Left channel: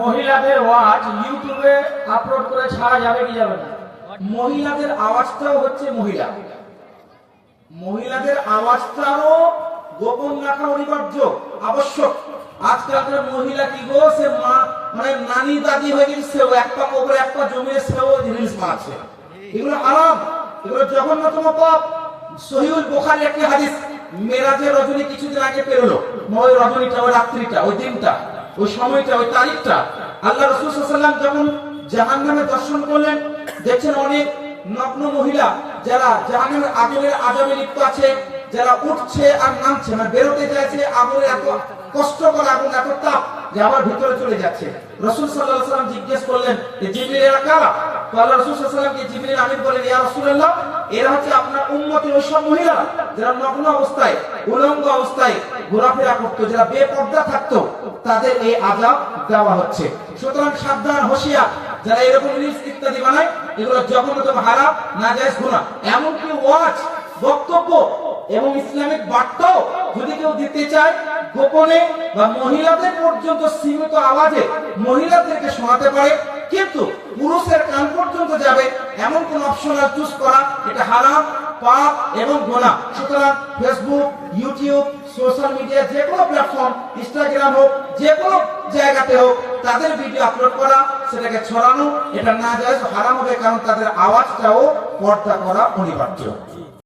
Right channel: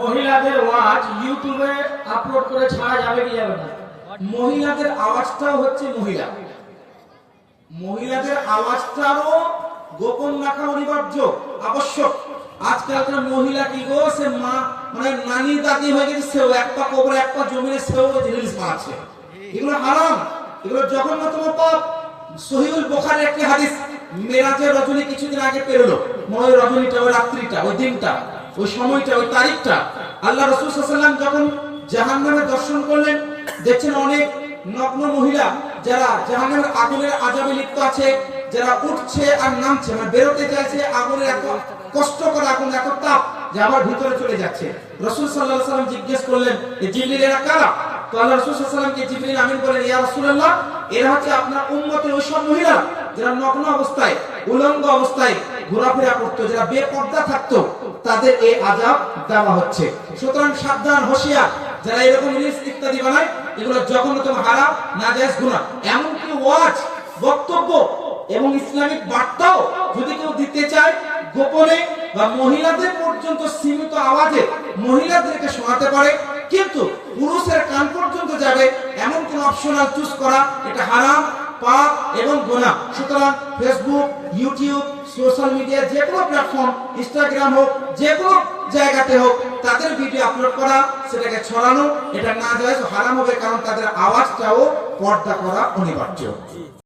মহিলাদের ওয়াজ ইউটিউবে আপলোড করে ছাড়া যাবে কি যাবে না? মহিলাদের আওয়াজটাও হচ্ছে মহিলাদের আওয়াজটাও গোপন রাখা অনিবার্য, আবশ্যক। আজকালকার মহিলা কি গো, সে মা মানে নানি দাদি হয়ে গেছে, সেও একটা কবরে একটা জমিনে সেও রিলস মারছে। এগুলো হারাম, এগুলো জঘন্যতম পাপ। সহিহুল বুখারী একটি হাদিস, মেরাজের রজনী কিছুদিন আগে পেরোলো। ওই রজনীটা, ওই রাত্রিটা, ওই দিনটা, ওই সময়টা, ওই তারিখটা আল্লাহ রাসূল সাল্লাল্লাহু আলাইহি ওয়াসাল্লাম যখন জাহান্নামে দর্শন করলেন, দেখছেন অনেক নগ্ন মহিলা যারা জাহান্নামের আগুনের আযাবে লিপ্ত আছে, যারা উঠছে আর নামছে, মানে বেরোতে চাইছে। আগুনের এত কষ্টকর আগুন, এত তাপ যে আমার ভিতরে চলে যাচ্ছে। রাসূল সাল্লাল্লাহু আলাইহি ওয়াসাল্লাম জিজ্ঞেস করলেন, এই জিবরিল এরা কারা? তো আল্লাহ রাসূল সাল্লাল্লাহু আলাইহি ওয়াসাল্লামকে জিবরিল আমিন বলেন, ইয়া রাসূলুল্লাহ, এরা হচ্ছে আপনার উম্মতের ওই সব মহিলা যারা নগ্ন অবস্থায়, উলঙ্গ অবস্থায় ঘোরাফেরা করতো, যারা বেপর্দা থাকতো, তাদের এই আযাব দেওয়া হচ্ছে। সুতরাং সাবধান, হোশিয়ার, যারা এরকম রিলস ইত্যাদি বানায়, এগুলো জঘন্যতম, হারাম, নাজায়েজ গুনাহ। এমনকি ওয়াজ, বক্তব্য এবং ইসলামিক বার্তাও যদি কেউ দিতে চায় গোপনে বা মহিলাদের পর্যন্ত সীমিত আওয়াজে মহিলাদেরকে শোনাতে পারে, কিন্তু পুরুষের কান পর্যন্ত যাবে এমন কোন অপশনাল চুজ করা, এটা হারাম, পাপ এবং গুনাহ। সুতরাং ফেসবুক, ইউটিউব, সোশ্যাল মিডিয়া, যে কোনো প্ল্যাটফর্ম, ইনস্টাগ্রাম হোক, যে কোনো জায়গাতে হোক, তাদের ভিডিও আপলোড করা, সেটাকে ছড়ানো, এটা নাজায়েজ, হারাম হবে। কারণ তাদের আওয়াজটাও পর্দা করা অনিবার্য।